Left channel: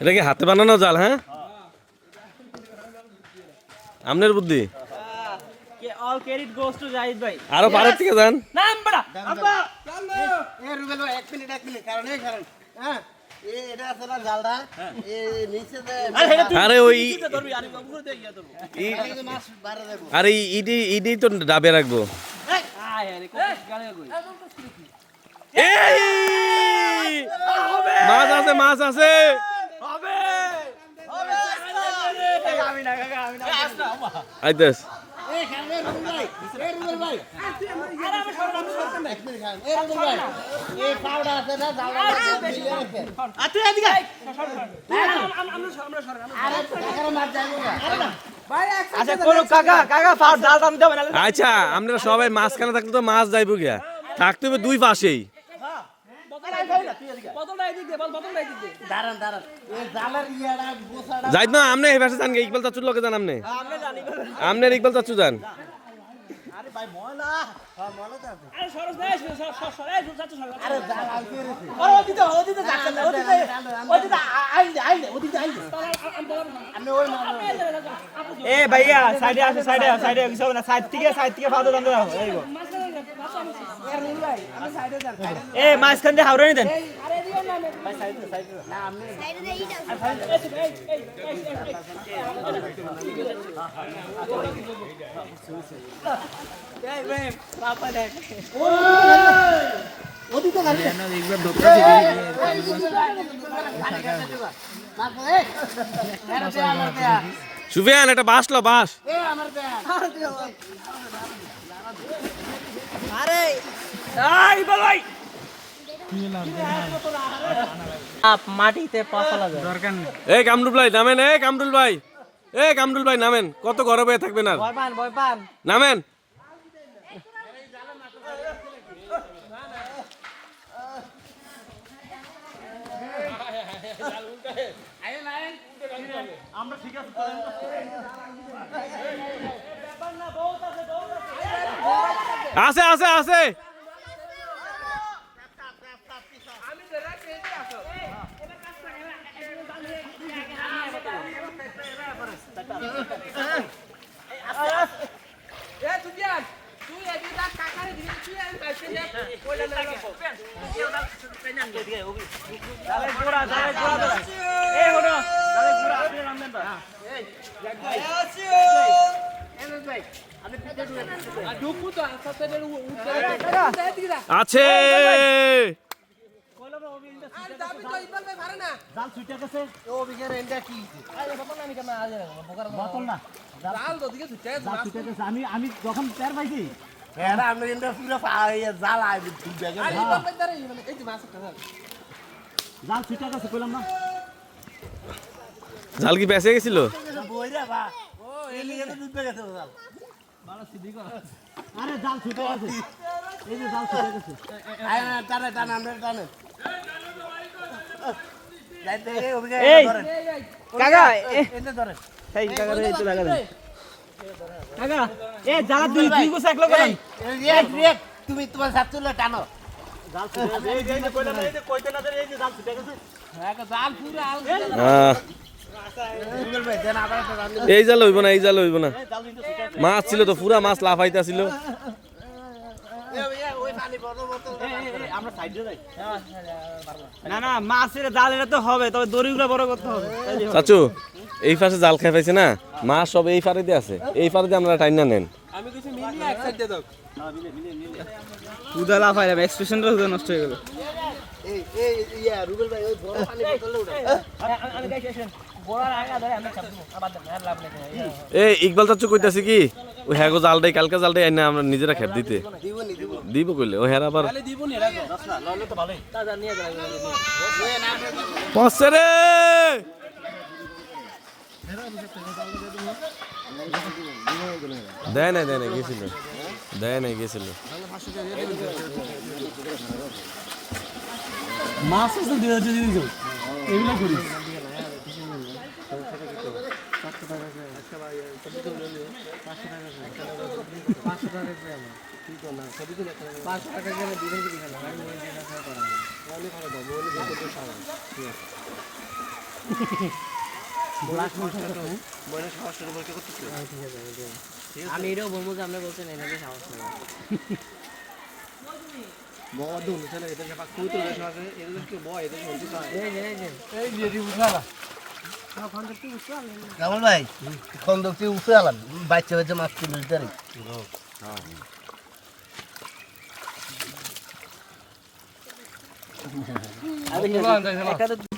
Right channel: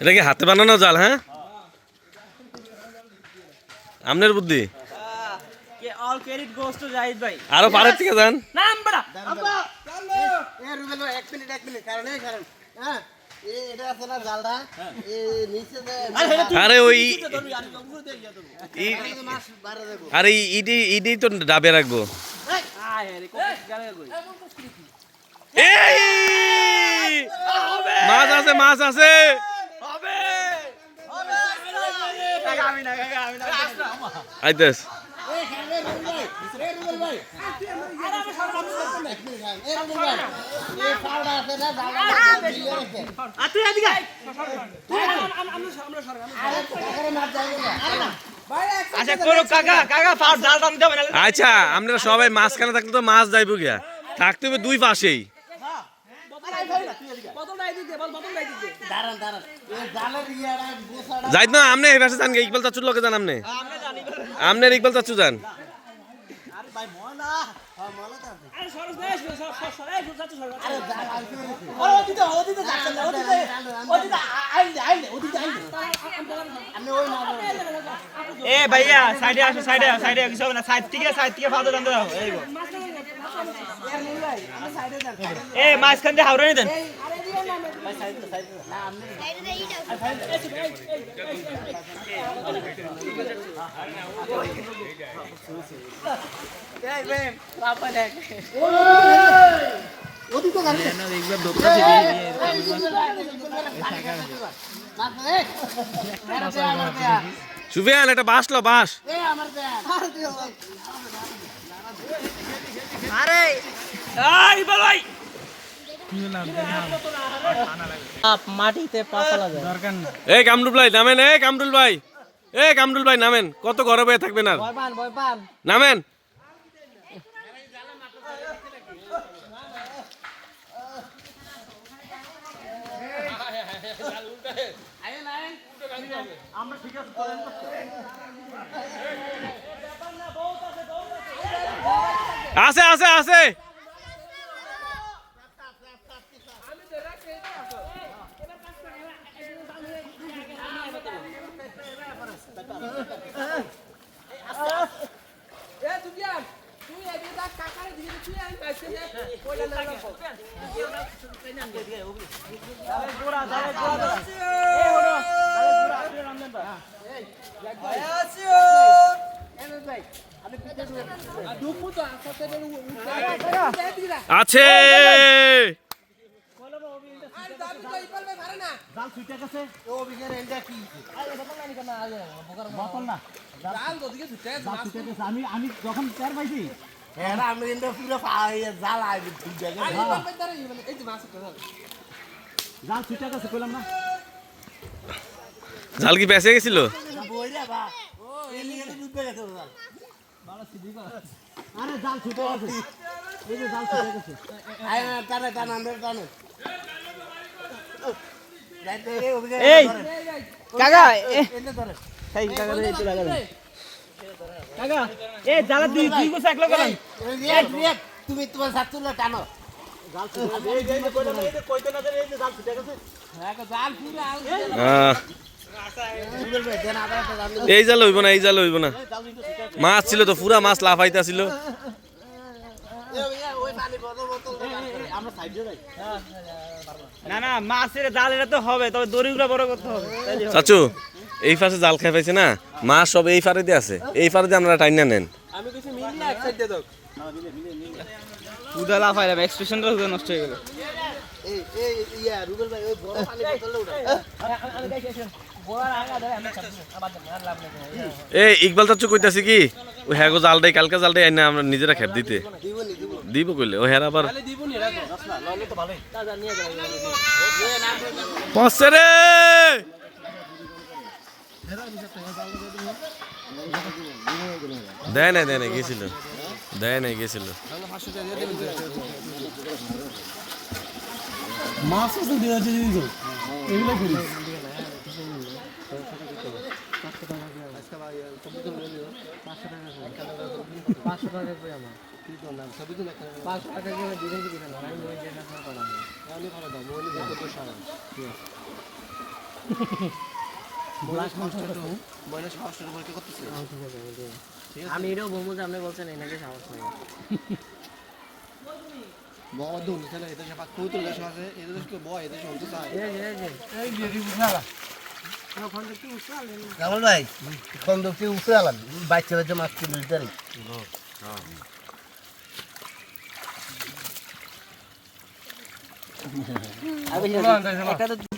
এটা কি হাতে বানানো জাল? হ্যাঁ, আমনের বুদ্ধি। আরো পারের থেকে যান। আরে ওই আরে ইডি তো ডাবে রাখবো। মাছ আছে, মাছ আছে। আইতেস আচ্ছা, আপনারা সবাই মাঝখানে থাকলে তো মাছ যাইব গিয়া, থাকতে হবে দুই পাশেই। যাইত না আমনে এই পাশে যান, ইকবাল চাচুর লগে যান। আমনের ইকবাল চাচু যান। এ ভাইয়া সাইডে আসো, সাইডে কিছু হবে না, সাইড থেকে ফাদা দেন দাও। এ মাঝখান দিয়ে হাওড়ানি দেন। সুফিয়ান, একটা বাঁশ লো, বাঁশ। মাটিতে পা ফেলা যায়। এই কামরুল ভাই নামেন, কামরুল ভাই নামেন। কত গরমে থাকবেন আর, নামেন। আছে আছে আছে। আছে আমি যখন টের পাইছি জাল ছুটে গেছে, কইলাম না। জাল কি পেঁচে গেছিল? আরে জাল ছুটে গেছে, এই যে জাল ছুটে গেছে। তুমি তোমার সাথে টানো। এই জাল হইব না, এই জাল হইব না। মাছ ছিল তো, পুরা মাছ লাফাইতা ছিল। না মাছের জাল এটা তো হবে, তবে দড়িগুলো বড় করতে হবে। চাচু, এই পাশে জাল খাই পাইছে না, মাছ সব এই ফারে দিয়ে আছে, এই ফারে দিয়ে আপনারা টাইনা নেন। আমি কিছু মিলিয়ে এক সাইড দিয়ে দাও। উদা লাফাই যাবে, এক্সপ্রেশনটা নষ্ট হয়ে গেল। এই ইকবাল চাচু কইতাছি কি, ওই হ্যাঁ গো জালটাই, কালকে জালটাই আইনা আমরা নিজেরা খেপ দিতে দিব কইলে, ও হ্যাঁ আবার পড়ছে রে। দেয় নাই গেছিল, মাছ আছে এগুলো করি। আমি এটাও বলবো যে আপনি বলছেন এনাকে সাহস নেই কামাল ভাই খন্দকটি উঠে আলাম বাচ্চা বাচ্চা মাছ তুলে দিতে একটা তো